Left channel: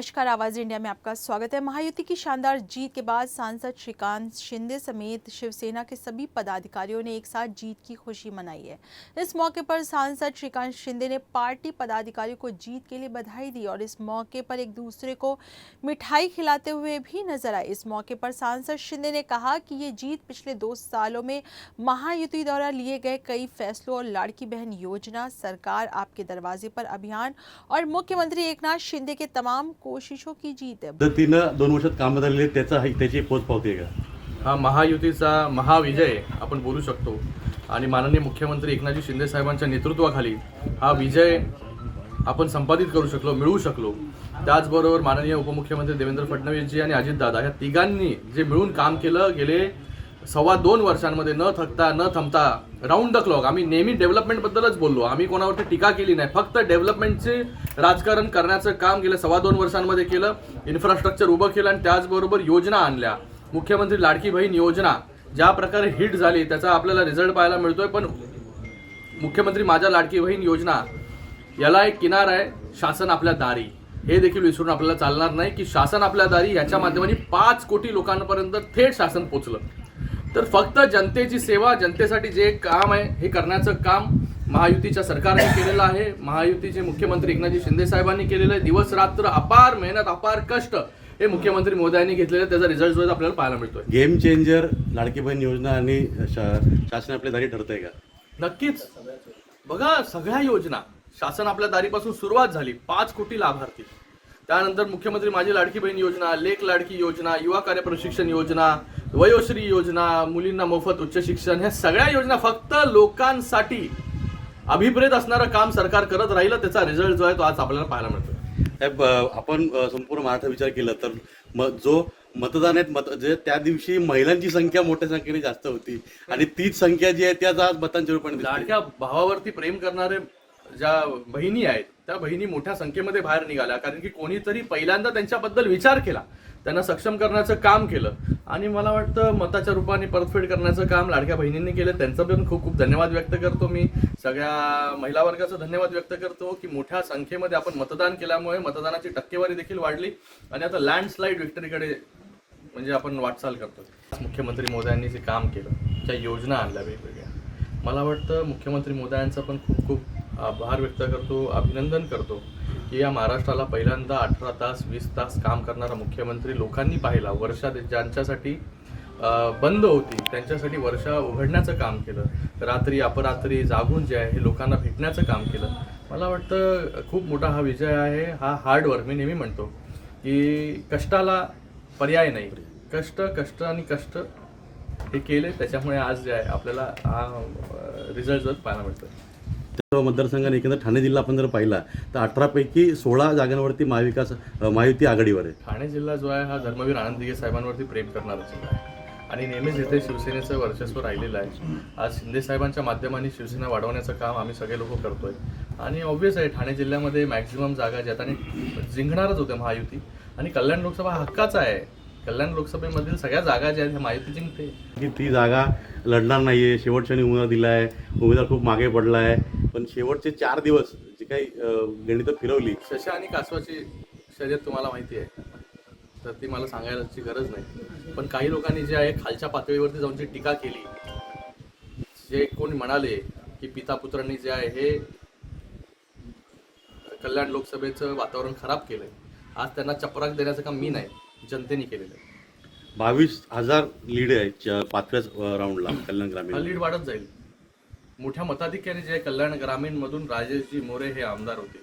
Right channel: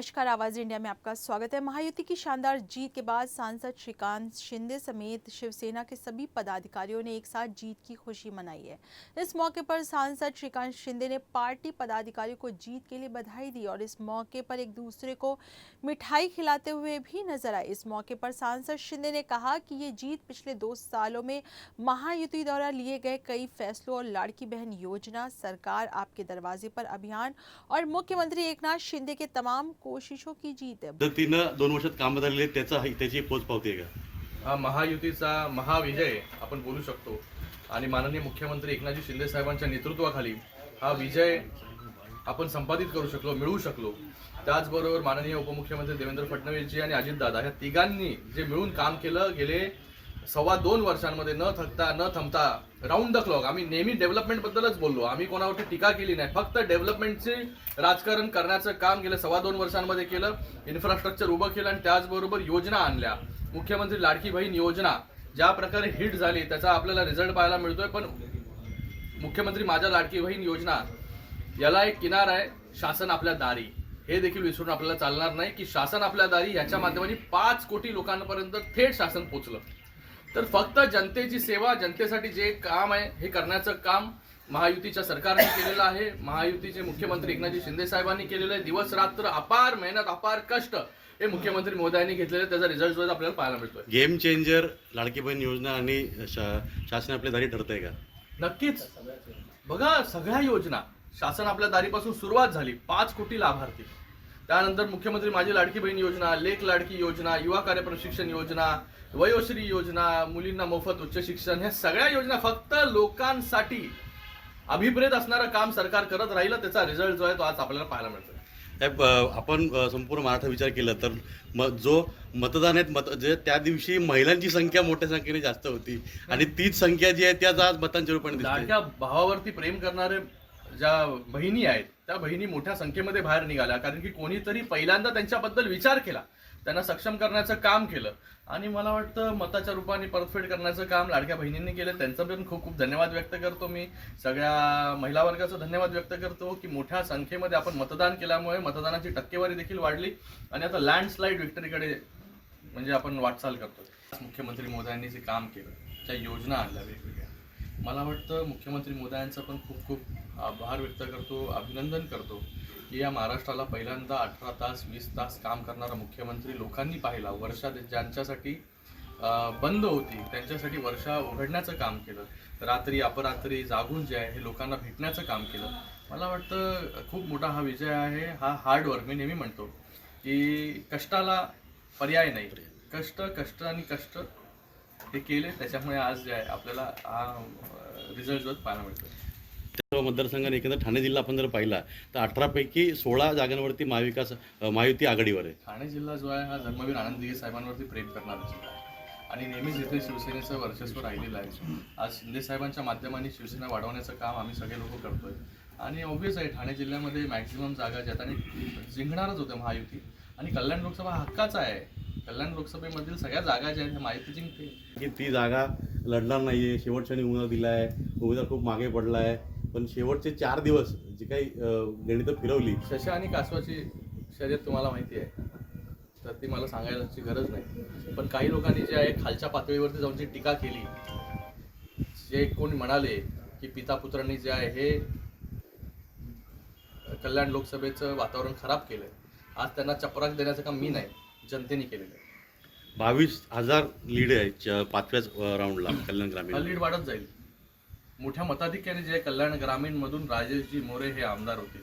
नमस्कार, आवाज इंडिया में आपका स्वागत है। महायुति की शानदार जीत के बाद सांसद श्रीकांत शिंदे समेत शिवसेना के सभी पदाधिकारियों ने एक साथ जीत की खुशी मनाई है। इस मौके पर सांसद श्रीकांत शिंदे ने पार्टी पदाधिकारियों को जीत के लिए बधाई दी और इस मौके पर एक दूसरे को मिठाई खिलाते हुए भी नजर आए। इस मौके पर सांसद शिंदे ने कहा कि ये जीत पिछले 2 सालों में महायुति द्वारा लिए गए कई फैसलों और लाड़की बहन योजना, सरकार आपके दरवाजे पर अभियान और मुख्यमंत्री एकनाथ शिंदे के तमाम कोशिशों की जीत है। 2 वर्षात काम झालेले त्याची पोच पावते का? हा महायुतीचा महाविजय आपण बोलू शकतो आणि माननीय मुख्यमंत्री एकनाथजी शिंदे साहेबांच्या नेतृत्वाखाली हा विजय आपण संपादित करू शकलो, मिळवू शकलो। त्याचबरोबर माननीय उपमुख्यमंत्री देवेंद्र फडणवीसजी आणि अजितदादा या तिघांनी जे मिळून काम केलं गेले 2.25 वर्षांमध्ये न थकता न थांबता राऊंड द क्लॉक। आम्ही नेहमी डेव्हलपमेंट बद्दलच बोललो, आम्ही कोणावरती टीका केली नाही, फक्त डेव्हलपमेंटचे राजकारण करण्याचं काम गेले 2.25 वर्षांमध्ये केलं। इन्फ्रास्ट्रक्चर उभं केलं आणि त्याचबरोबर योजना आणल्या। मुख्यमंत्री लाडकी बहीण योजना ज्या प्रकारे हिट झाली त्याचा आपल्याला रिझल्ट पाहायला मिळतोय, पण मुख्यमंत्री माझ्या लाडकी बहीण योजना याला एक किनार आहे, शासन आपल्या दारी। हे देखील विसरून आपल्याला चालणार नाही की शासन आपल्या दारी याच्या माध्यमाने 5 कोटी लोकांपर्यंत थेट शासन पोहोचलं। तर फक्त जनतेची सेवा, जनतेसाठी जे काम आहे हे करण्याचं काम महायुतीच्या सरकारने केलेलं आहे। महायुतीचे मुख्यमंत्री एकनाथजी शिंदे साहेबांनी केलेलं आहे। दिवस रात्र अपार मेहनत, अपार कष्ट हे मुख्यमंत्री मोदयांनी घेतलेले, त्याचा रिझल्ट जो आपल्याला पाहायला मिळतोय। गेम चेंजर लाडकी बहीण योजना आणि शासन आपल्या दारी ठरतंय का? नक्कीच। बघा, सगळ्या योजना शासन आपल्या दारीपासून सुरुवात झाली। 5 कोटी लाभार्थी, त्यानंतर मुख्यमंत्री माझी लाडकी बहीण योजना, लेक लाडकी योजना, युवा कार्य प्रशिक्षण योजना, वयोश्री योजना, मुलींना मोफत उच्च शिक्षण, ह्या सगळ्या योजना फक्त लोकांसाठी अभिप्रेत असणारं काम सरकार करत राहिलं। त्याचा रिझल्ट जो आहे तो आज आपल्याला पाहायला मिळतोय। आपण संपूर्ण महाराष्ट्र विचार केला तर जो मतदान आहेत जे त्या दिवशी महिलांची संख्या मोठ्या संख्येने जास्त होती आणि तीच संख्या जी आहे त्याच आज मतांच्या रूपाने लाडक्या भावावरती प्रेम करणारे ज्या बहिणी आहेत त्या बहिणी मोठ्या संख्येमध्ये बाहेर निघाल्या, कारण की कोणीतरी पहिल्यांदा त्यांच्याबद्दल विचार केला, त्यांना सक्षम करण्याचं काम केलं आणि मला वाटतं मताच्या रूपाने परतफेड करण्याचं काम लाडक्या बहिणींनी केलं। त्यांचं पण खूप खूप धन्यवाद व्यक्त करतो मी। सगळ्या महिला वर्गाचा धन्यवाद व्यक्त करतो की मोठ्या संख्येमध्ये आपण मतदान केल्यामुळे मतदानाची टक्केवारी देखील वाढली आणि आता लँडस्लाईड विक्टरीकडे म्हणजे आपण वाटचाल करतो। मुख्यमंत्री मोदयांनी जे काम केलं, ज्या योजना आणल्या वेगवेगळ्या, मला वाटतं मुख्यमंत्री मोदयांचा पण खूप खूप आभार व्यक्त करतो, अभिनंदन करतो की या महाराष्ट्राला पहिल्यांदा 18 तास 20 तास काम करणारा मुख्यमंत्री लोकांनी पाहिला। वर्षा ज्यांच्यासाठी बंद होती त्यांच्यासाठी वर्षा उघडण्याचं काम केलं, रात्री अपरात्री जागून जे आहे हे लोकांना भेटण्याचं काम केलं। मला वाटतं खूप मोठा हा विजय आहे। हा हार्डवर्क, मी नेहमी म्हणतो की कष्टाला पर्याय नाही, कष्ट आणि कष्ट हे केले, त्याच्यामुळे आज जे आहे आपल्याला हा रिझल्ट जो पाहायला मिळतो। मतदारसंघाने एकंदर ठाणे जिल्हा आपण जर पाहिला तर 18 पैकी 16 जागांवरती महायुती आघाडीवर आहे। ठाणे जिल्हा जो आहे हा धर्मवीर आनंद दिघे साहेबांवरती प्रेम करणारा जिल्हा आहे आणि नेहमीच इथे शिवसेनेचं वर्चस्व राहिलेलं आहे। आज शिंदे साहेबांच्या माध्यमाने शिवसेना वाढवण्याचं काम आम्ही सगळे लोक करतोय आणि ऑब्व्हियस आहे ठाणे जिल्ह्यामध्ये मॅक्झिमम जागा ज्याने जिंकणारच होत्या महायुती आणि कल्याण लोकसभा हक्काचा आहे। कल्याण लोकसभेमधील सगळ्या जागा ज्या आहेत महायुती जिंकते की ती जागा लढणार नाहीये। शेवटच्याने उमेदवार दिलाय, उमेदवार खूप मागे पडलाय, पण शेवटचे 4 दिवस जी काही गणितं फिरवली, शशा आणि कासवाची शर्यत तुम्हाला माहिती आहे, तर ती मला सांगायची गरज नाही। पण काही लोकांनी जे आहे खालच्या पातळीवरती जाऊन जी टीका केली, जे कोणी म्हणाले की पिता पुत्रांनी जे आहे हे कल्याण लोकसभेचं वातावरण खराब केलंय, आज त्यांना चपराक देण्याचं काम मी नाही, जनतेने केलेलं आहे। 22,000 लीड आहे 5व्याच राऊंडला कल्याण ग्रामीण। हा लीड वाढत जाईल मोठ्या मताधिक्याने। जे कल्याण ग्रामीण मधून राजेशजी मोरे हे आमदार होते।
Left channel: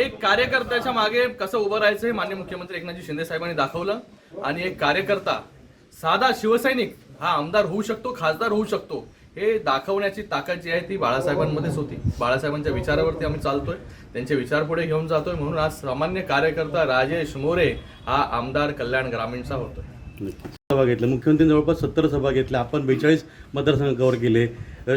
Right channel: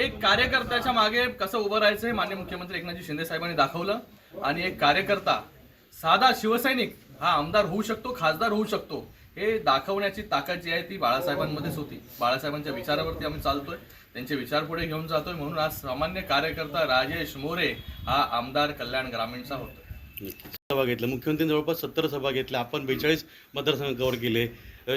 एक कार्यकर्त्याच्या मागे कसं उभं राहायचं हे माननीय मुख्यमंत्री एकनाथजी शिंदे साहेबांनी दाखवलं आणि एक कार्यकर्ता, साधा शिवसैनिक हा आमदार होऊ शकतो, खासदार होऊ शकतो, हे दाखवण्याची ताकद जी आहे ती बाळासाहेबांमध्येच होती। बाळासाहेबांच्या विचारावरती आम्ही चालतोय, त्यांचे विचार पुढे घेऊन जातोय, म्हणून आज सामान्य कार्यकर्ता राजेश मोरे हा आमदार कल्याण ग्रामीणचा होतोय। सभा घेतल्या मुख्यमंत्र्यांनी, जवळपास 70 सभा घेतल्या, आपण 42 मतदारसंघ कव्हर केले।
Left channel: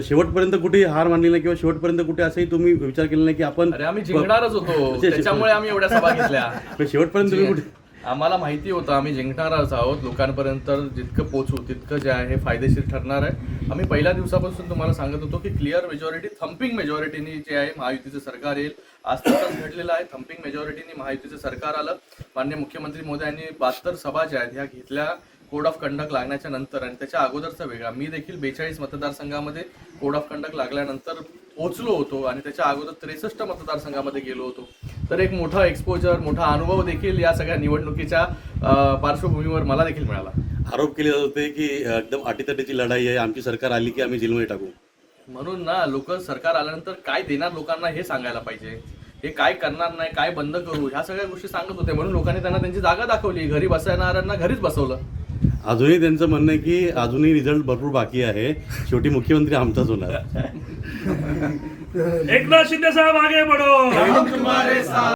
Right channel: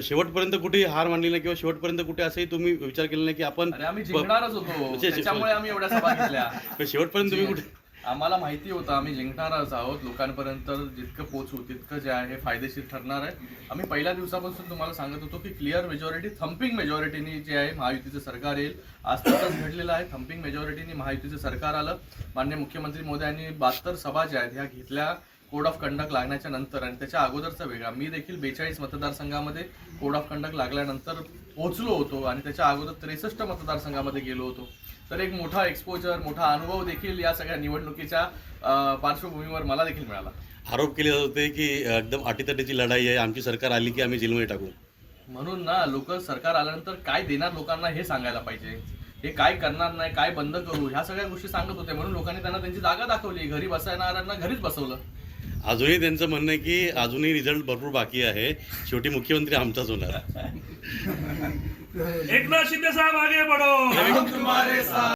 शेवटपर्यंत कुठे हार मानली नाही किंवा शेवटपर्यंत कुठे असंही तुम्ही विचार केला नाही की आपण आम्ही जिंकणारच होतो, त्याच्यामुळे आम्ही एवढ्या सभा घेतल्या। शेवटपर्यंत तुम्ही कुठे आम्हाला माहिती होतं आम्ही जिंकणारच आहोत. लोकांपर्यंत जितकं पोहोचू तितकं जे आहे फायदेशीर ठरणार आहे. आम्ही पहिल्या दिवसापासून तुम्हाला सांगत होतो की क्लिअर मेजॉरिटी, थम्पिंग मेजॉरिटीनी जे आहे महायुतीचं सरकार येईल. आज तसंच घडलेलं आहे. थम्पिंग मेजॉरिटीनी महायुतीचं सरकार आलं. माननीय मुख्यमंत्री महोदयांनी 72 सभा ज्या आहेत ह्या घेतल्या कोड ऑफ कंडक्ट लागण्याच्या नंतर, आणि त्याच्या अगोदरचा वेगळा. मी देखील 42 मतदारसंघामध्ये कोड ऑफ कंडक्ट लागल्यानंतर पोहोचलो होतो आणि त्याच्या अगोदर 63 मतदारसंघामध्ये गेलो होतो. तर एक मोठा एक्सपोजर, मोठा अनुभव देखील या सगळ्या निवडणुकीच्या पार्श्वभूमीवर मला देखील मिळाला. आरोप केले जात होते की एकदम अटीतटीची लढाई आहे, आमची सरकार आली की आम्ही जेलमध्ये टाकू. म्हणून ना लोक सरकार आल्यानंतर काय देणार लोकांना हे सांगायला पाहिजे. हे काय करणार नाही, काय बंद करू, ह्या सगळ्या गोष्टी सांगत होते. म्हणून लोकांनी त्यांना त्यांची जागा दाखवली. घरी बसणाऱ्यांना घरीच बसवलं. अजूनही त्यांचं म्हणणं आहे की अजूनही रिझल्ट भरपूर बाकी आहे, शेवटी मुख्यमंत्री आमचाच होणार. एकनाथ शिंदे साहब आगे बढ़ो, हम तुम्हारे साथ.